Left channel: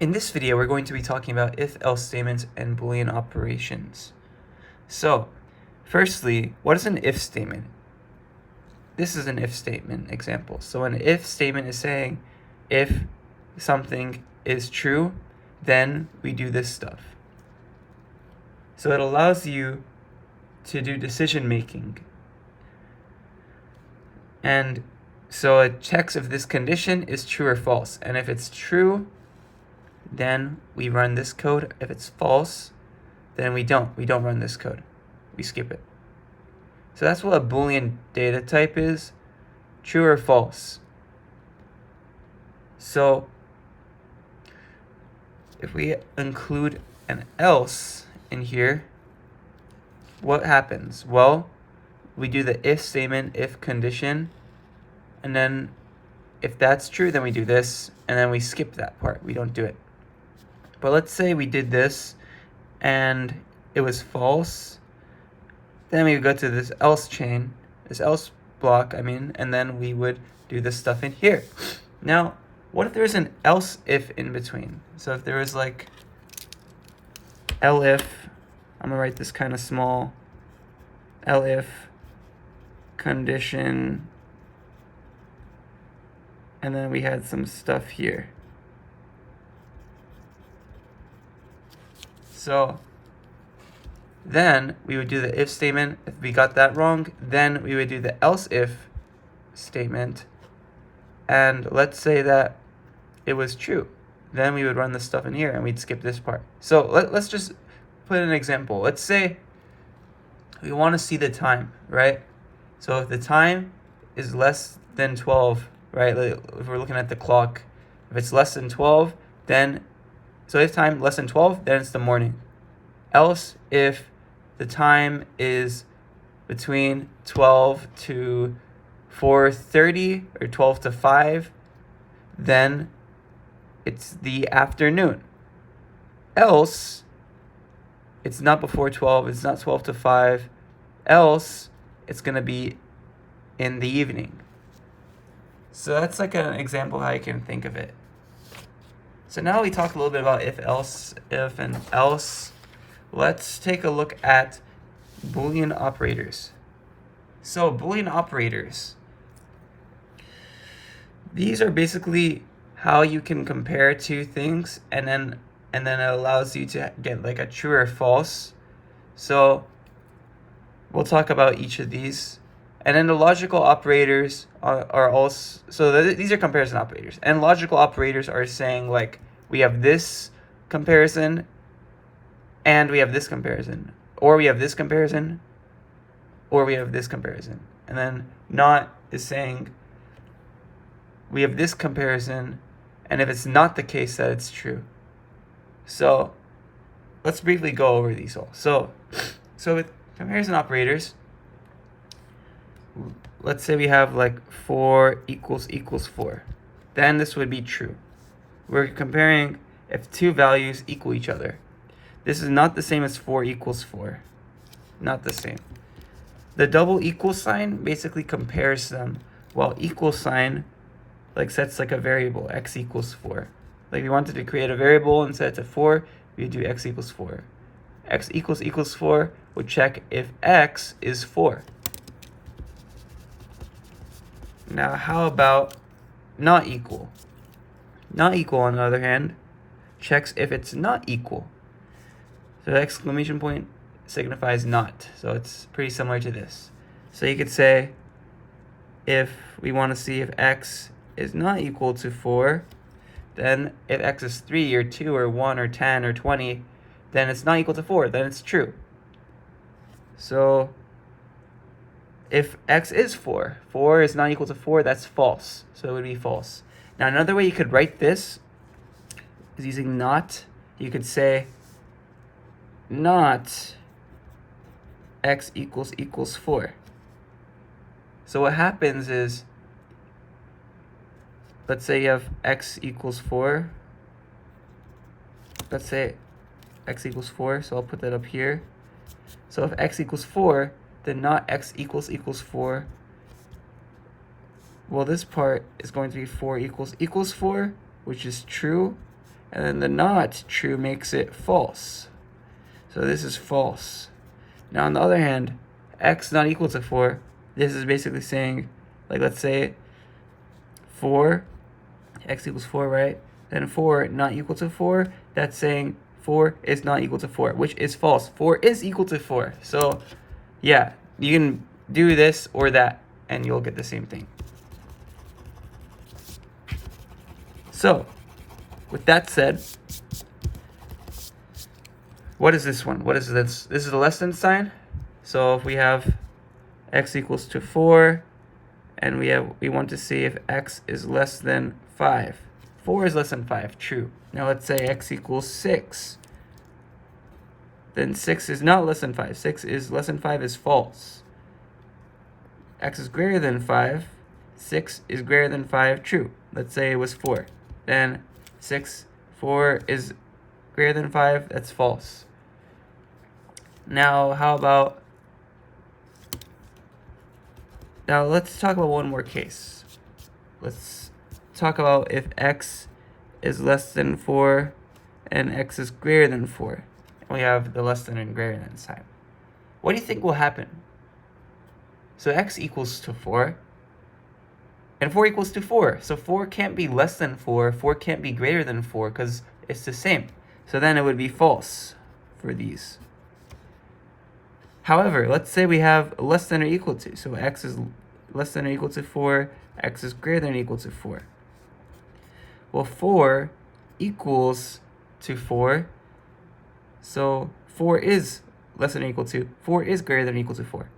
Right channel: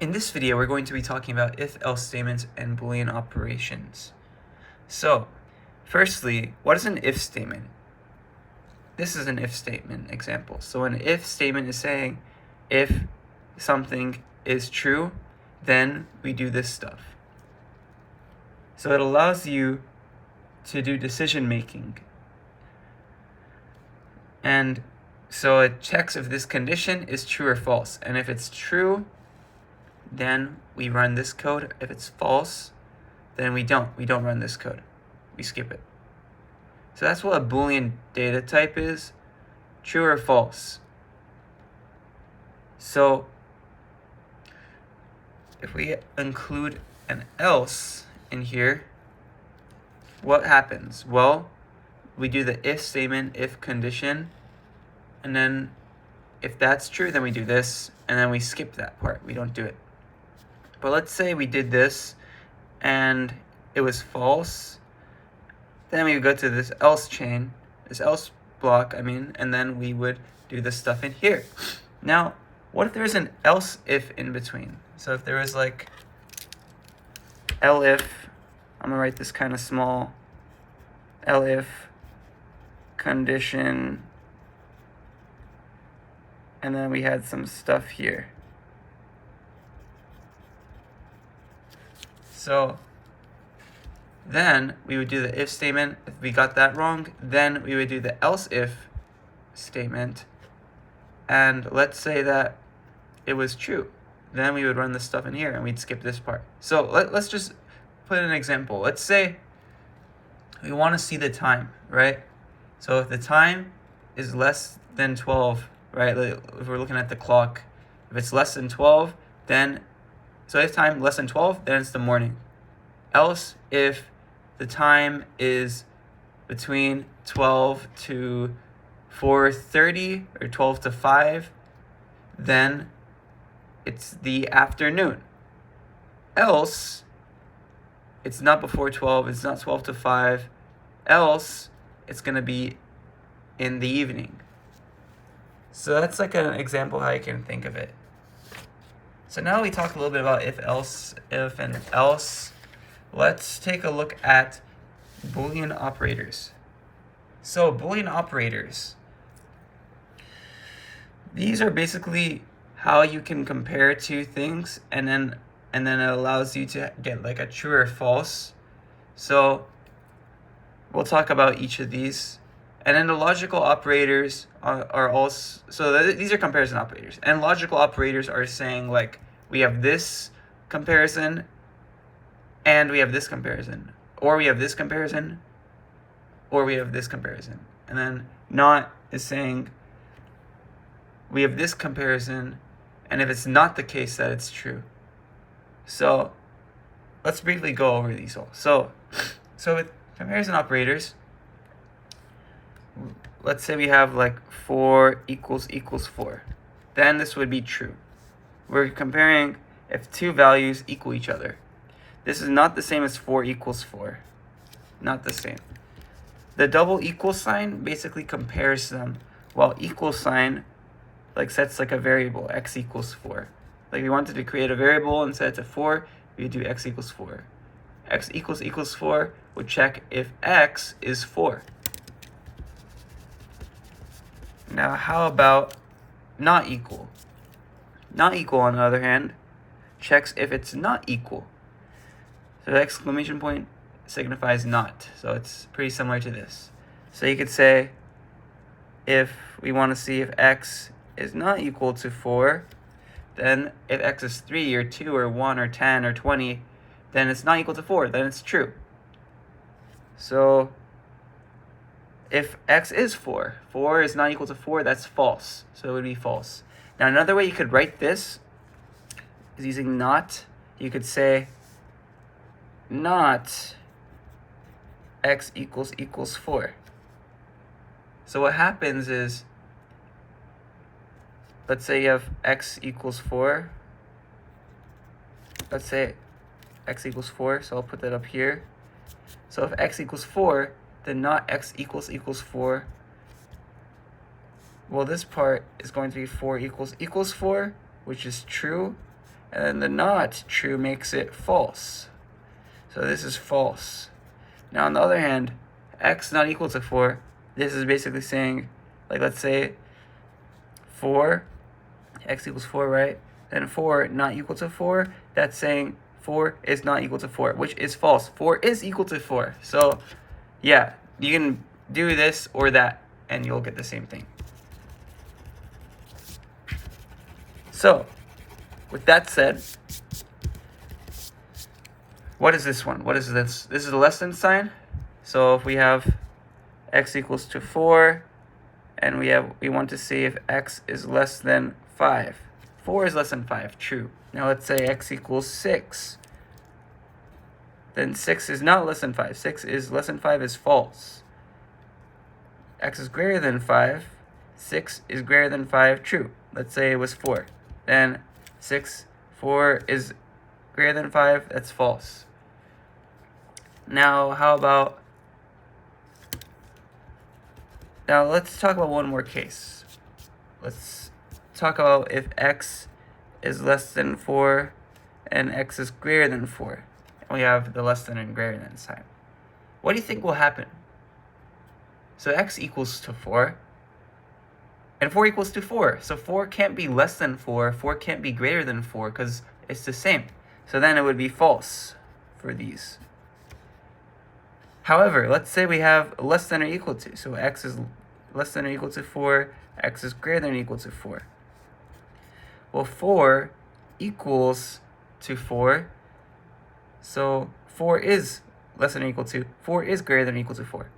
In this video, we're going to be talking about if-else statements and Boolean operations. So, firstly, what is an if statement? This is an if statement example. So an if statement is saying if something is true, then we do this stuff. So it allows you to do decision making. And so it checks if this condition is true or false. And if it's true, then we run this code. If it's false, then we don't run this code. We skip it. So that's what a Boolean data type is, true or false. So if we include an else in here, what happens? Well, we do the if statement, if condition, and then if that's true, then we do this, and then we skip that part. We don't do it. But let's say we did this and it was false. Then we would go to this else chain, this else block, and then we would do this stuff in here. Now, what if there's an else if in between? So if there was like elif, I'm gonna write this kind of small, elif condition, and then we had some stuff here. So then we would do the if statement. If we got that wrong, then we would do the else if statement. And let's say that it was true. Then we would run this stuff in here and we'd skip this part. So let's just put an example. Let's say we want to see the time, right? So if the time is less than 12, right? If we're looking at the clock, if it's less than 12, then so if time less than 12, then it's the morning. Else if the time is between 12 to 4:30 or 12 to 5, then it's the afternoon. Else it's not before 12, it's not 12 to 5. Else it's going to be in the evening. So that's like an example how you can think of it. So now we talked a little bit about if, else, if, and else. Let's take a look at Boolean operators. So Boolean operators, these are basically how you can compare two things, and then it allows you to get like a true or false. So we'll talk about each of these. And then the logical operators are also, so these are comparison operators. And logical operators are saying like we have this comparison and we have this comparison, or we have this comparison, or we have this comparison. And then not is saying we have this comparison, and if it's not the case that it's true. So let's briefly go over these all. So with comparison operators, let's say we have like 4 equals 4. Then this would be true. We're comparing if two values equal each other. This is not the same as 4 equals 4. Not the same. The double equal sign basically compares them, while equal sign like sets like a variable, x equals 4. Like if we wanted to create a variable and set it to 4, we do x equals 4. X equals 4 would check if x is 4. Now how about not equal? Not equal, on the other hand, checks if it's not equal. So the exclamation point signifies not. So it's pretty similar to this. So you could say if we want to see if x is not equal to 4, then if x is 3 or 2 or 1 or 10 or 20, then it's not equal to 4, then it's true. So if x is 4, 4 is not equal to 4, that's false. So it would be false. Now another way you could write this is using not. You could say not x equals 4. So what happens is, let's say you have x equals 4. Let's say x equals 4, so I'll put that up here. So if x equals 4, then not x equals 4. Well, this part is going to be 4 equals 4, which is true. and then the not true makes it false. So this is false. Now on the other hand, x not equal to 4, this is basically saying, like let's say 4, x equals 4, right? Then 4 not equal to 4, that's saying 4 is not equal to 4, which is false. 4 is equal to 4. So yeah, you can do this or that, and you'll get the same thing. So, with that said, what is this one? What is this? This is a less than sign. So if we have x equals to 4, and we want to see if x is less than 5. 4 is less than 5, true. Now let's say x equals 6. Then 6 is not less than 5. 6 is less than 5 is false. X is greater than 5. 6 is greater than 5, true. Let's say it was 4. Then 4 is greater than 5, that's false. Now let's talk about one more case. Let's talk about if x is less than 4 and x is greater than 4. We have the less than and greater than sign. What do you think will happen? So x equals to 4, and 4 equals to 4. So 4 can't be less than 4, 4 can't be greater than 4, because it's the same. So then it would be false for these. However, let's say we have less than or equal to. So x is less than or equal to 4, x is greater than or equal to 4. Well, 4 equals to 4. So 4 is less than or equal to, 4 is greater than or equal to 4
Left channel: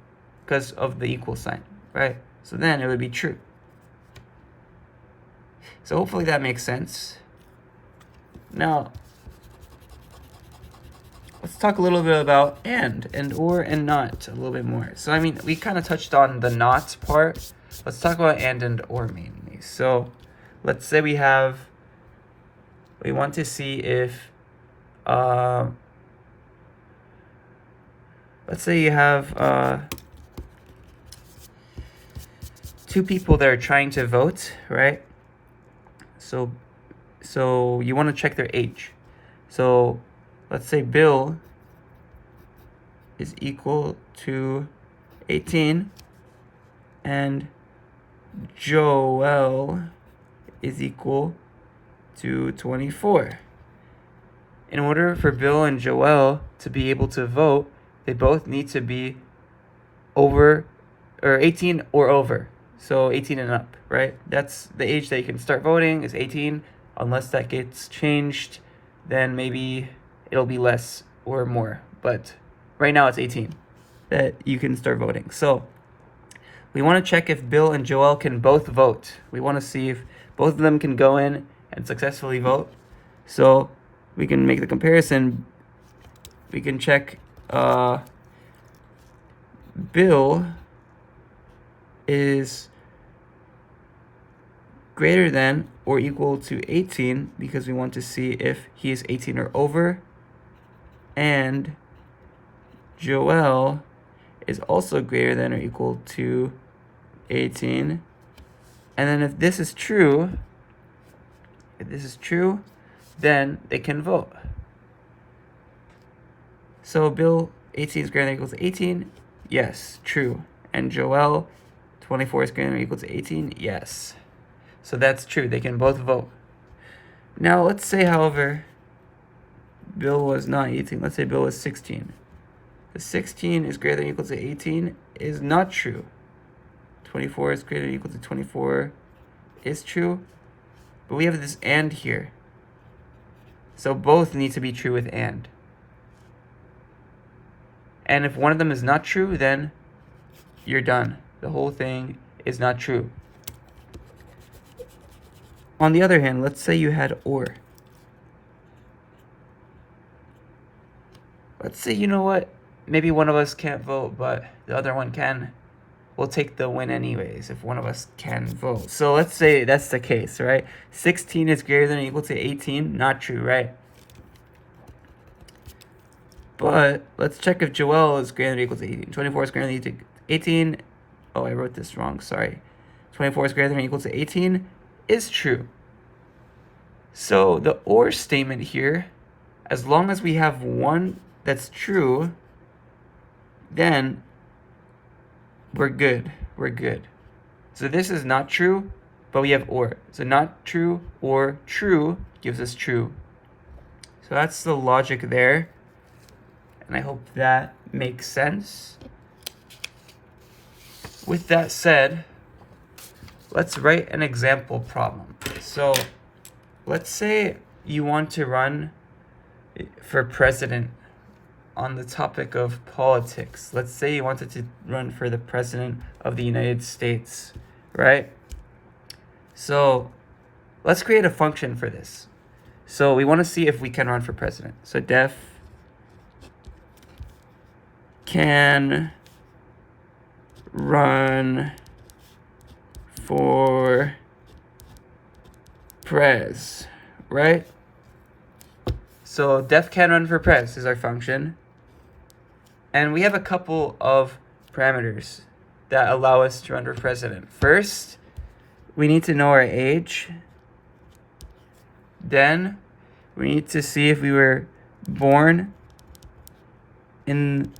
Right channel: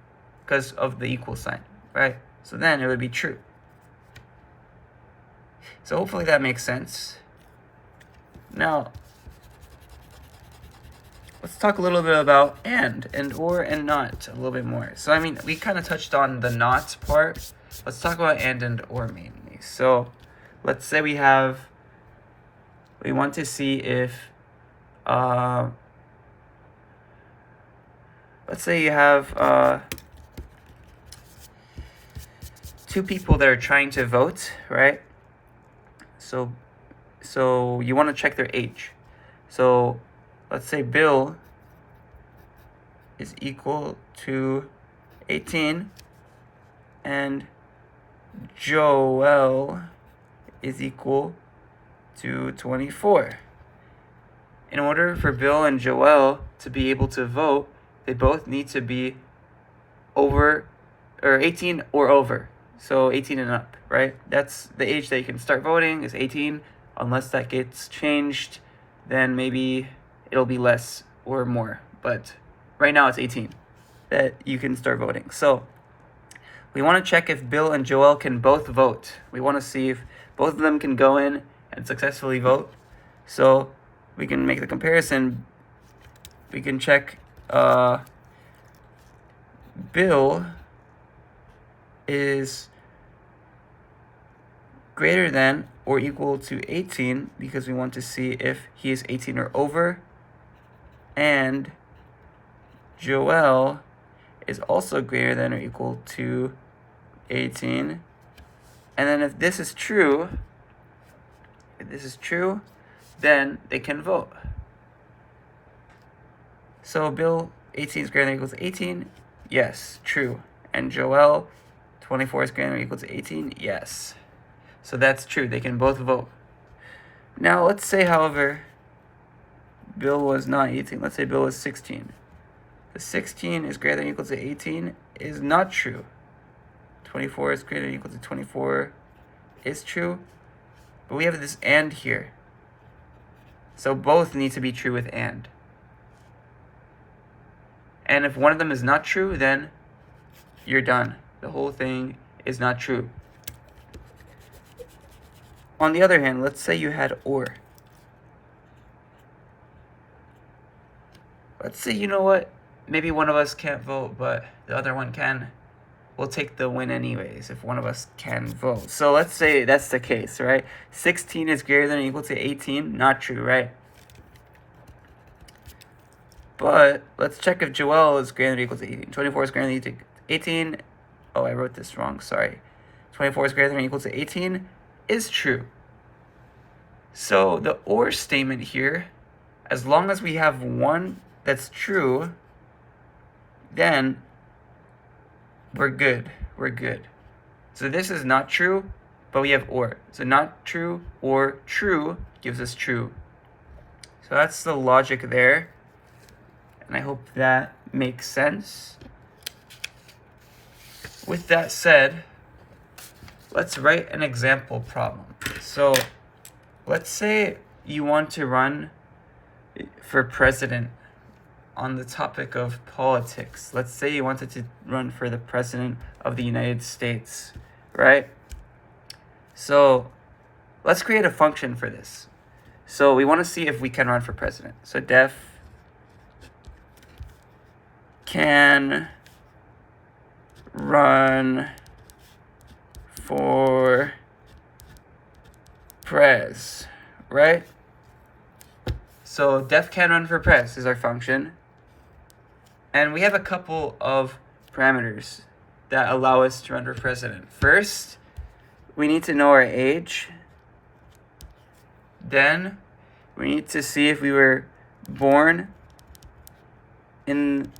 because of the equal sign, right? So then it would be true. So hopefully that makes sense. Now, let's talk a little bit about and or, and not a little bit more. So I mean, we kind of touched on the not part. Let's talk about and or mainly. So let's say we want to see if, let's say you have two people that are trying to vote, right? So you want to check their age. So let's say Bill is equal to 18 and Joel is equal to 24. In order for Bill and Joel to be able to vote, they both need to be over, or 18 or over. So 18 and up, right? That's the age that you can start voting, is 18. Unless that gets changed, then maybe it'll be less or more. But right now it's 18 that you can start voting. So we want to check if Bill and Joel can both vote. We want to see if both of them can go in and successfully vote. So we can make the comparison. We can check Bill is greater than or equal to 18 because we want to see if he's 18 or over, and Joel is also greater than or equal to 18. And then if this is true, then they can vote. So Bill 18 is greater than or equal to 18, yes, true. And Joel 24 is greater than or equal to 18, yes. So that's true, they can both vote. Now let's say, however, Bill was not 18. Let's say Bill was 16. The 16 is greater than or equal to 18 is not true. 24 is greater than or equal to 24 is true. But we have this and here. So both need to be true with and. And if one of them is not true, then you're done. The whole thing is not true. On the other hand, let's say you had or. Let's say, you know what, maybe one of us can't vote, but the other one can. We'll take the win anyways if one of us can vote. So let's say that's the case, right? 16 is greater than or equal to 18, not true, right? But let's check if Joel is greater than or equal to 18. 24 is greater than or equal to 18. Oh, I wrote this wrong, sorry. 24 is greater than or equal to 18 is true. So the or statement here, as long as we have one that's true, then we're good. We're good. So this is not true, but we have or. So not true or true gives us true. So that's the logic there. And I hope that makes sense. With that said, let's write an example problem. So let's say you want to run for president on the topic of politics. Let's say you wanted to run for the president of the United States, right? So let's create a function for this. So we want to see if we can run for president. So def can run for pres, right? So def can run for pres is our function. And we have a couple of parameters that allow us to run for president. First, we need to know our age. Then we need to see if we were born in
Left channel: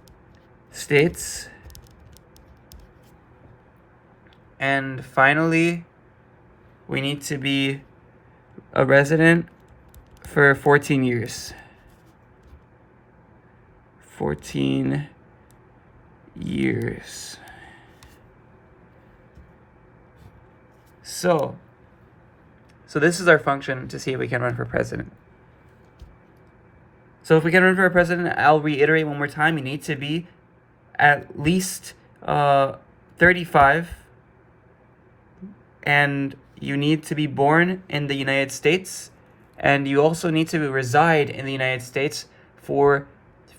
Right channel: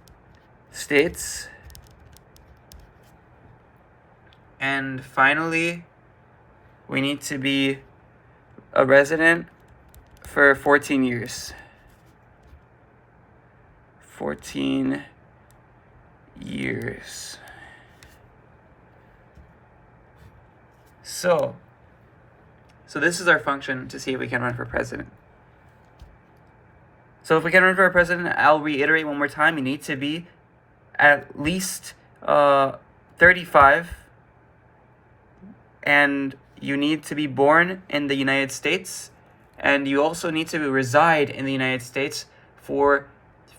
states. And finally, we need to be a resident for 14 years. 14 years. So this is our function to see if we can run for president. So if we can run for president, I'll reiterate one more time, you need to be at least 35, and you need to be born in the United States, and you also need to reside in the United States for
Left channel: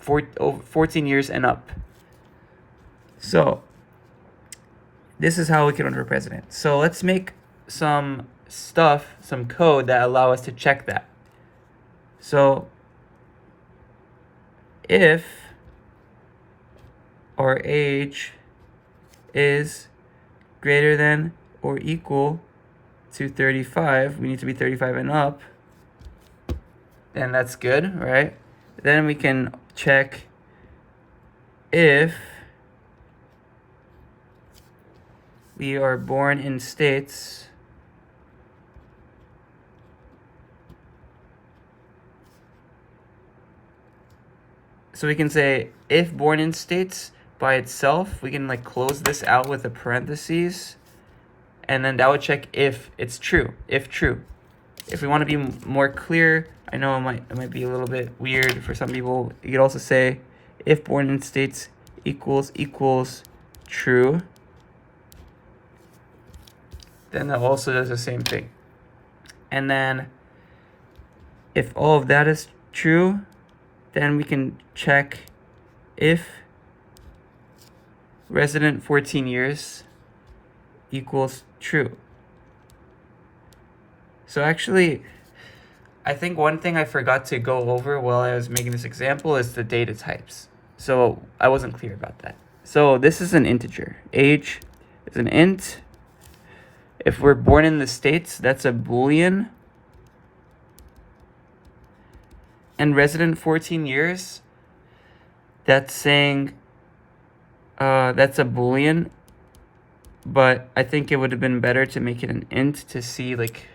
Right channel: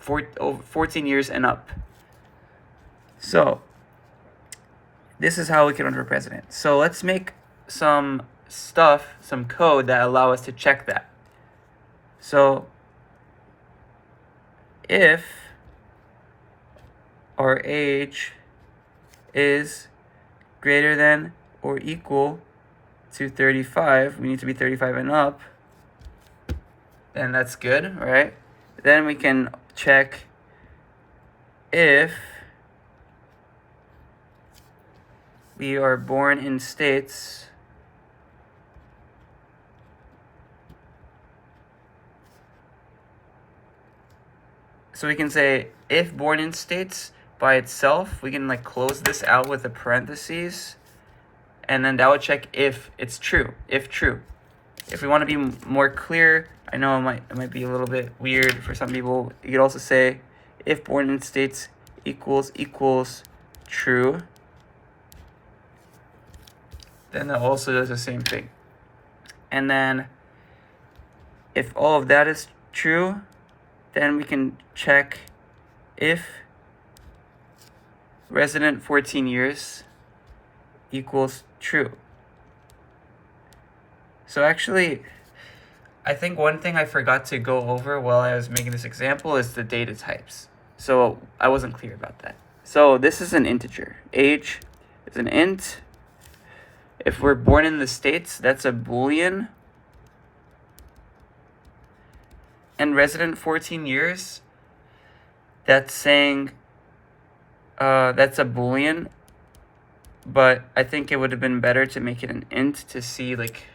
14 years and up. So this is how we can run for president. So let's make some code that allow us to check that. So if our age is greater than or equal to 35, we need to be 35 and up, then that's good, right? Then we can check if we are born in states so we can say if born in states by itself, we can like close this out with a parentheses, and then that would check if it's true, if true. If we want to be more clear, I know it might be a little bit weird for some people, you could also say if born in states equals true. Then that also does the same thing. And then if all of that is true, then we can check if resident 14 years equals true. So actually, I think one thing I forgot to go over while I was making this example is the data types. So I wasn't clear about that. So this is an integer. Age is an int. If we're born in the States, that's a Boolean. And resident 14 years, that's saying that's a Boolean. But I think it would have been better to make it an int to see like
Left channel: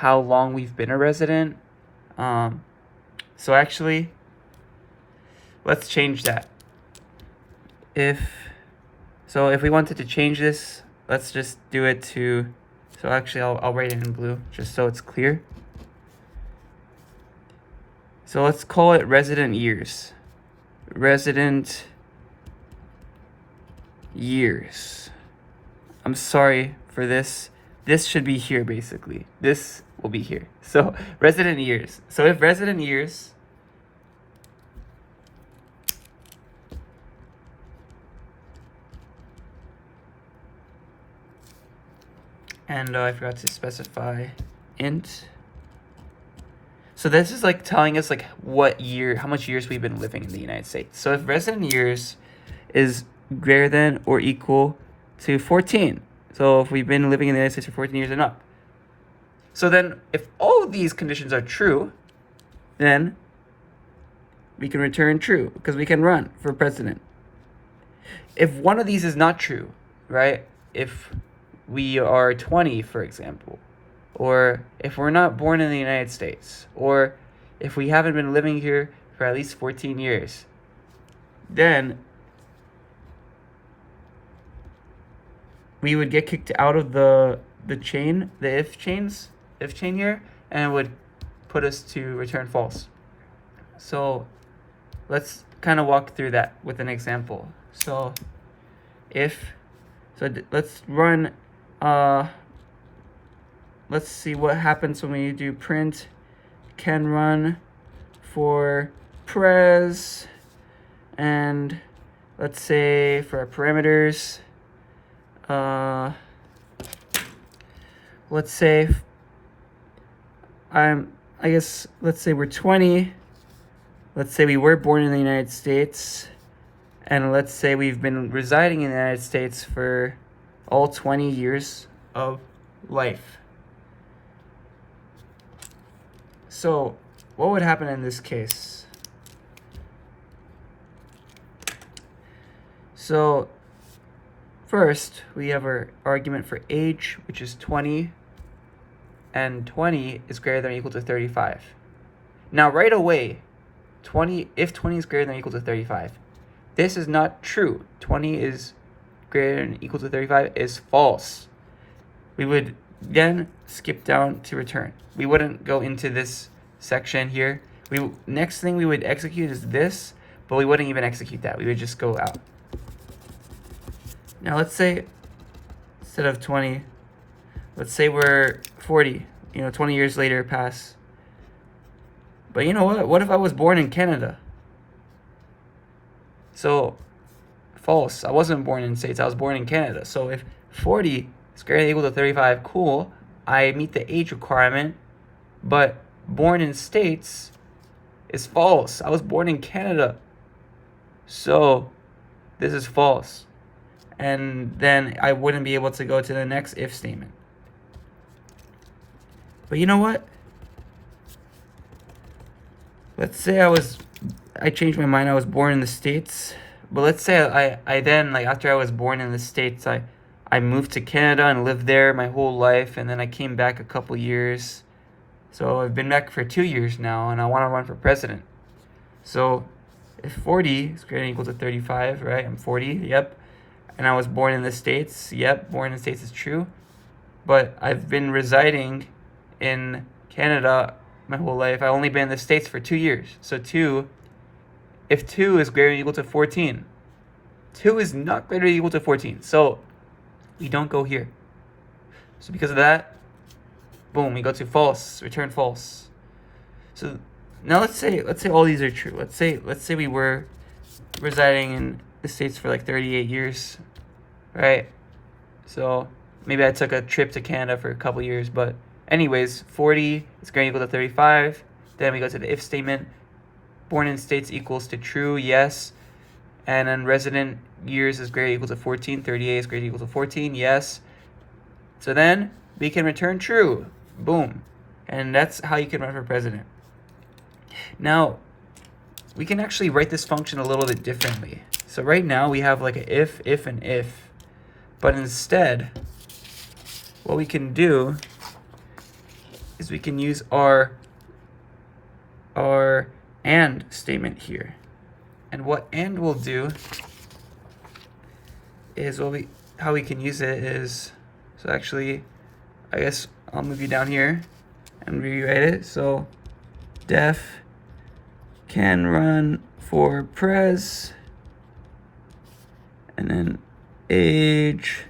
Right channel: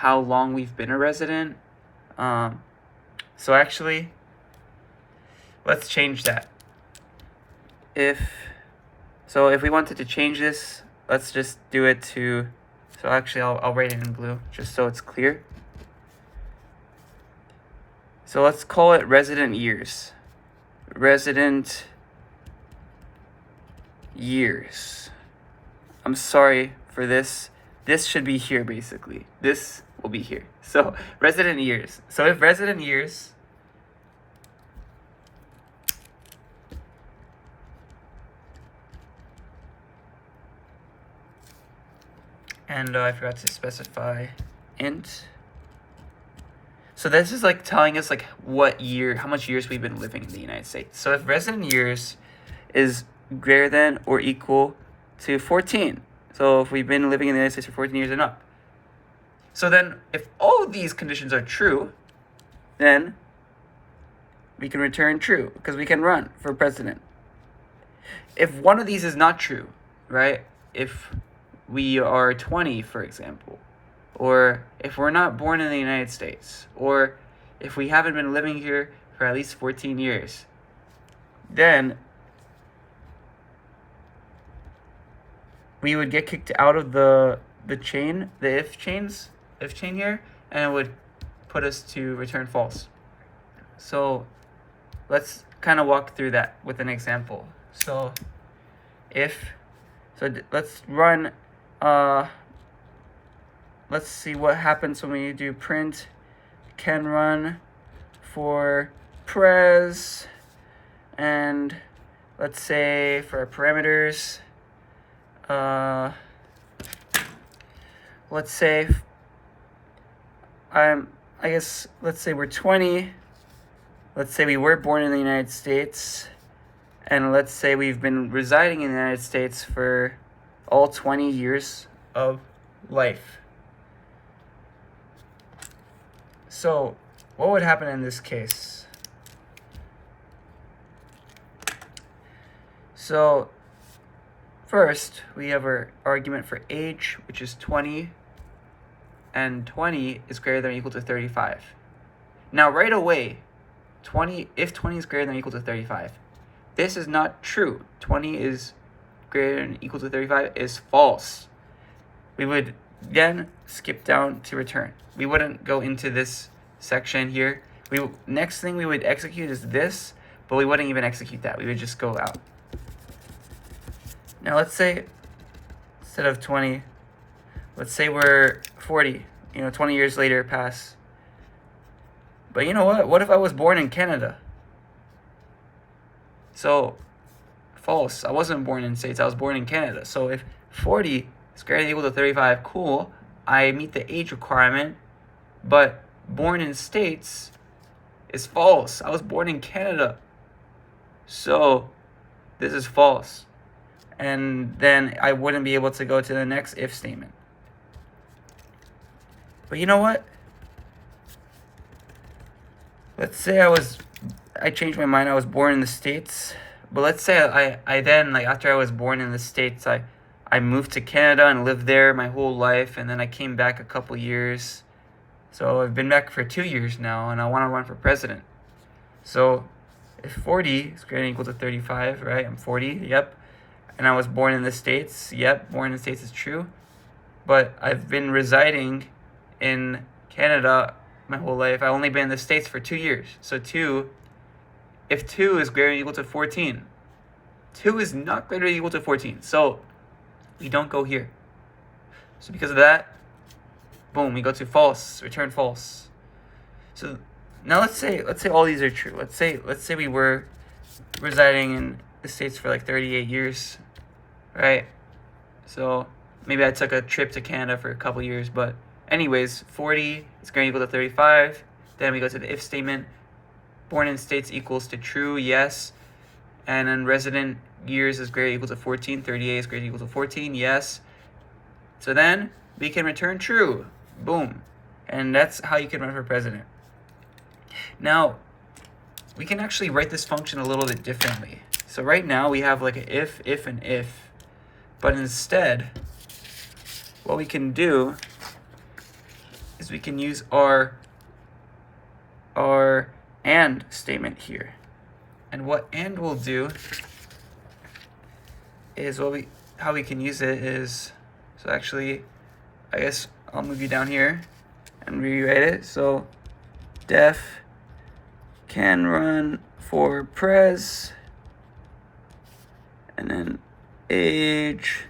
how long we've been a resident. So actually, let's change that. If we wanted to change this, let's just do it to, so actually I'll write it in blue just so it's clear. So let's call it resident years. Resident years. I'm sorry for this. This should be here basically. This will be here. So resident years. So if resident years and I forgot to specify int. So this is like telling us like what year, how much years we've been living in the United States. So if resident years is greater than or equal to 14. So if we've been living in the United States for 14 years and up. So then if all of these conditions are true, then we can return true because we can run for president. If one of these is not true, right? If we are 20, for example, or if we're not born in the United States, or if we haven't been living here for at least 14 years, then we would get kicked out of the chain, the if chain here, and it would put us to return false. So let's kind of walk through that with an example. So let's run, let's see what happens when we do print can run for pres, and let's say for our parameters, let's say let's say we're 20. Let's say we were born in the United States, and let's say we've been residing in the United States for all 20 years of life. So what would happen in this case? So first, we have our argument for age, which is 20, and 20 is greater than or equal to 35. Now right away, if 20 is greater than or equal to 35, this is not true. 20 is greater than or equal to 35 is false. We would then skip down to return. We wouldn't go into this section here. Next thing we would execute is this, but we wouldn't even execute that. We would just go out. Now let's say instead of 20, let's say we're 40, 20 years later pass. But you know what? What if I was born in Canada? So, false. I wasn't born in the States. I was born in Canada. So if 40 is greater than or equal to 35, cool. I meet the age requirement. But born in States is false. I was born in Canada. So this is false. And then I wouldn't be able to go to the next if statement. But you know what? Let's say I changed my mind, I was born in the States. But let's say I then, after I was born in the States, I moved to Canada and lived there my whole life, and then I came back a couple years. So I've been back for 2 years now, and I want to run for president. So if 40 is greater than or equal to 35, right? I'm 40, yep. And I was born in the States, yep, born in the States is true. But I've been residing in Canada my whole life. I've only been in the States for 2 years. So if 2 is greater than or equal to 14, 2 is not greater than or equal to 14. So we don't go here. So because of that, boom, we go to false, return false. So now let's say all these are true. Let's say we were residing in the States for 38 years, right? So maybe I took a trip to Canada for a couple years, but anyways, 40 is greater than or equal to 35. Then we go to the if statement. Born in States equals to true, yes. And then resident years is greater than or equal to 14. 38 is greater than or equal to 14, yes. So then we can return true. Boom. And that's how you can run for president. Now, we can actually write this function a little bit differently. So right now we have an if, and if. But instead, what we can do is we can use our and statement here. And what and will do is how we can use it is, so actually, I guess I'll move you down here and rewrite it. So def can run for pres, and then age,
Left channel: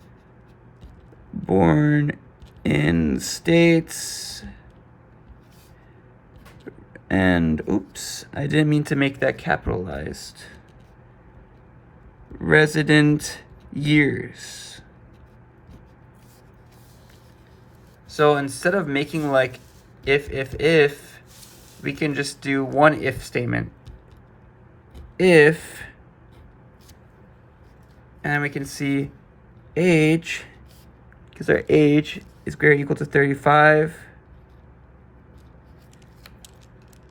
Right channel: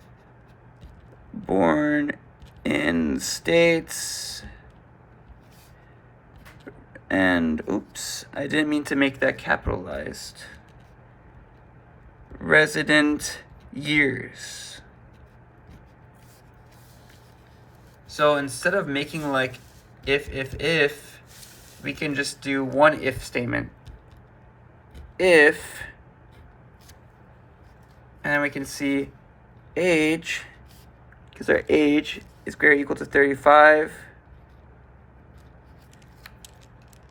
born in States, and oops, I didn't mean to make that capitalized. Resident years. So instead of making if, we can just do one if statement. If, and then we can see age, because our age is greater or equal to 35,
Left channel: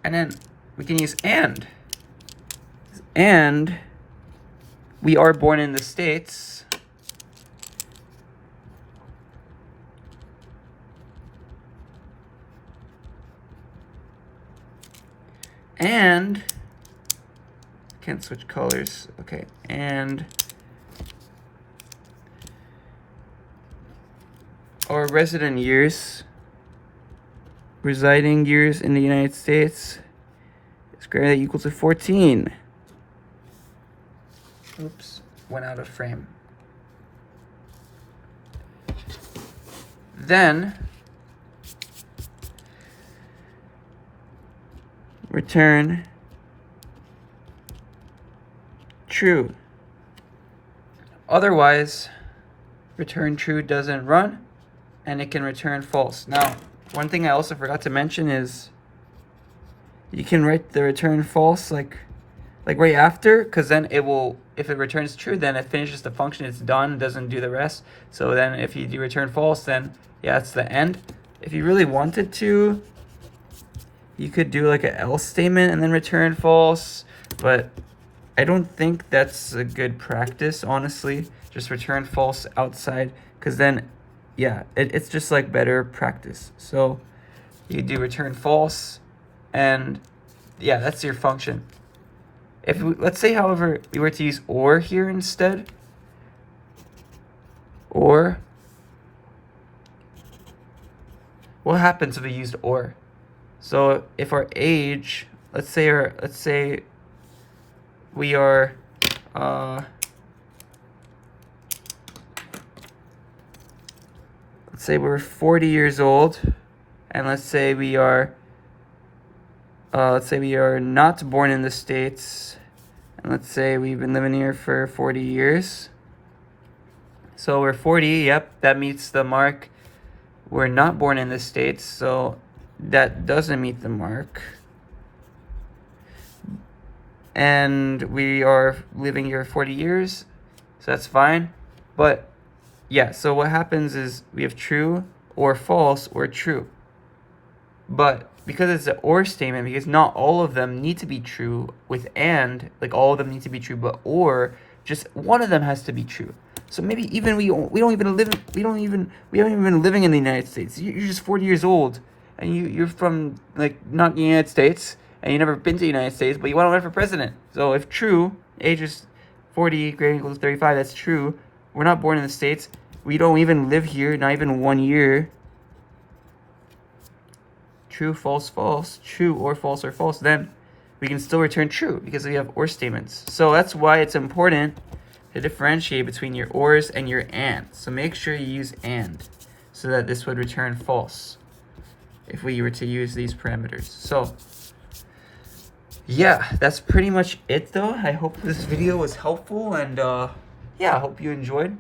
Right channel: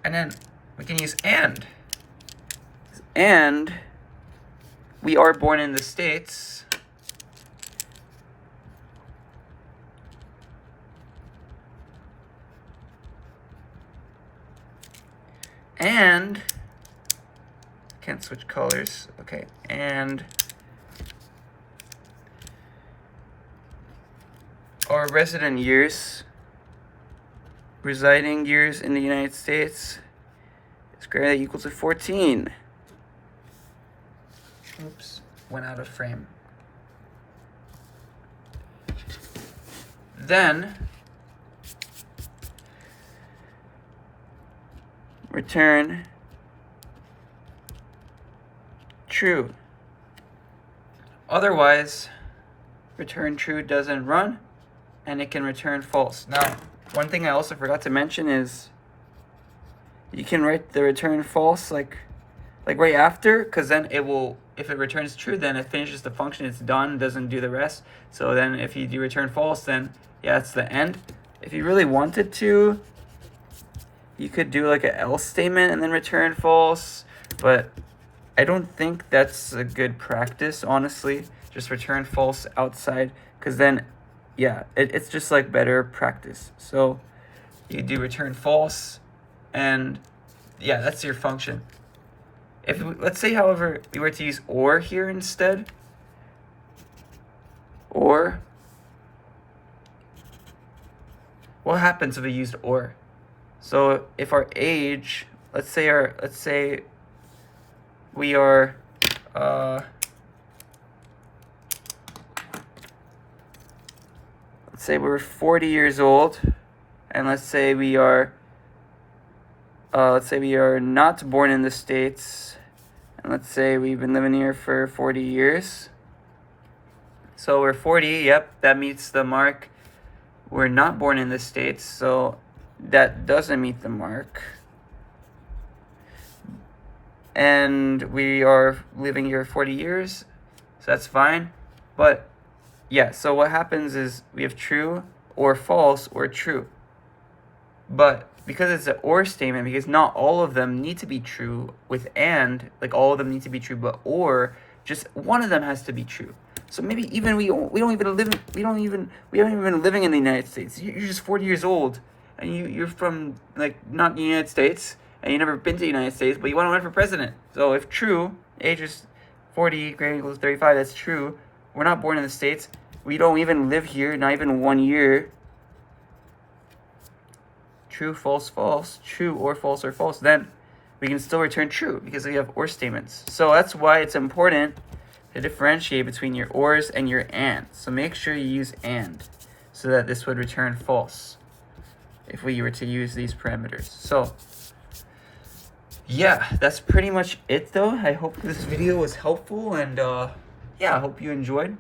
And then we can use and. And we are born in the States. And can't switch colors. Okay, and our resident years, residing years in the United States is greater than or equal to 14. Oops, went out of frame. Then return true. Otherwise, return true doesn't run, and it can return false. Now, one thing I also forgot to mention is you can write the return false like right after, because then it will, if it returns true, then it finishes the function, it's done, doesn't do the rest. So then if you do return false, then yeah, it's the end. If you really wanted to, you could do like an else statement and then return false, but I don't think that's a good practice, honestly. Just return false outside, because then, yeah, it's just like better practice. So you do return false, and yeah, that's your function. If we, let's say, however, we were to use or here instead, or what happens if we used or? So if our age, let's say we are let's say we're 40 years old, and let's say we are not born in the States, and let's say we've been living here for 40 years. So we're 40, yep, that meets the mark. We're not born in the States, so that doesn't meet the mark. And we are living here 40 years, so that's fine. But yeah, so what happens is we have true or false or true. But because it's an or statement, because not all of them need to be true with and, like all of them need to be true, but or, just one of them has to be true. So maybe even we haven't even been living in the United States. You're just 40 years old, and you're from like not the United States, and you've never been to the United States, but you want to run for president. So if true, age is 40, greater equals 35, that's true. We're not born in the States. We don't even live here, not even 1 year. True, false, false, true or false, then we can still return true because we have or statements. So that's why it's important to differentiate between your ors and your and. So make sure you use and, so that this would return false if we were to use these parameters. So yeah, that's pretty much it though. I hope this video was helpful, and yeah, I hope you enjoyed.